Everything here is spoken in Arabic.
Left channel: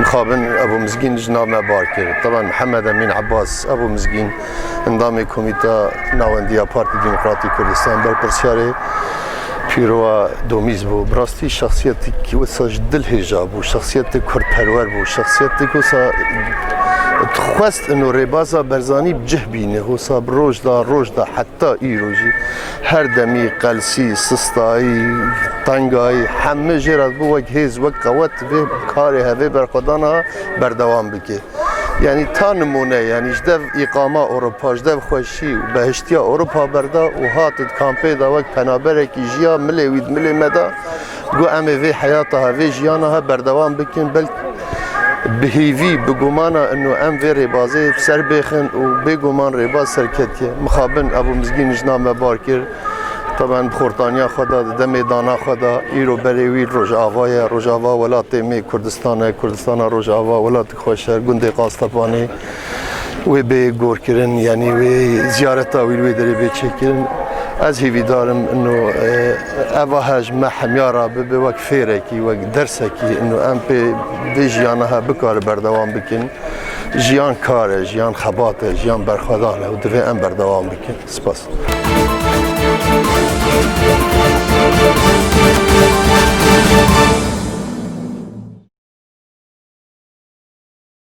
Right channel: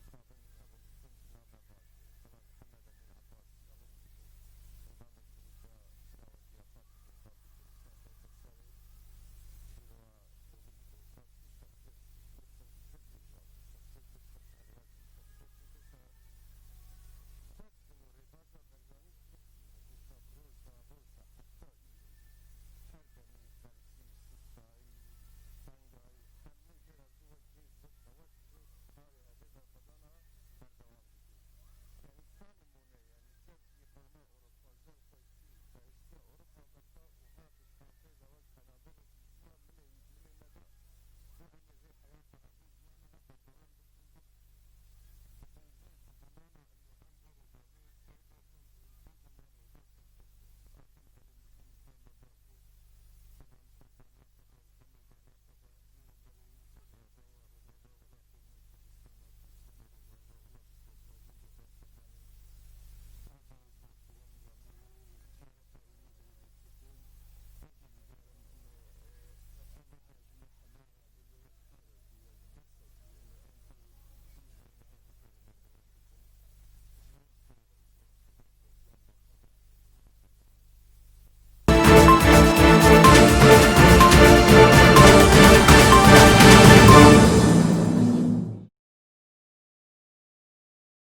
مخابن ابو مزگین جناب ما بار کرد. طبعا محمد امین عباس ابو مزگین اندام کمیته نواندیا پارتی دموکراتی کردستان بر پرسیاره پیرو دومیز بو. براستی شخصیتی که وساج دل هجاب و شخصیت کرد پرور بو، شخصیتی که وسا خواست انو ربازا برزانی بجه بینه وسا بروج دا حتی ایروجی هر دمی قلسی سستایی تنگایی همه جرات بو وک هیز وک قوت به کاری هوی برخدانا بردوام بکه. یعنی تا نمونه یعنی جدو اقامه اروپا جدو خوشی و بهشتیا اروپا بردا و هاتد کامپی دا وک پنابرکی جیا ملی وید ملی مدا گو امه وی حیاتها وی جیانها بردوام بکن بل بهیوی بگمانا انو ام وی ربازه سر بخن و بگمان رباز سرکتیه. مخابن ابو مزگین جنام بار کرد. طبعا بخورتانیا خدا دم دانا خدا ایرو بریوی روجاوا ولات می کردستان روجاوا ولات خوشر گنده قاستپانی و به گور کردن یعنی و زیارتا ویلوی دری به چکن. از هیوی دارم انو اوهاج ما حمیارا به وقت فیرکی و درسکی انو ام به جیانها بکار بردوام بکن. جیان کاره، جیان خباته، جیان برخدانه و دوی ام بردوام بکن. سپاس.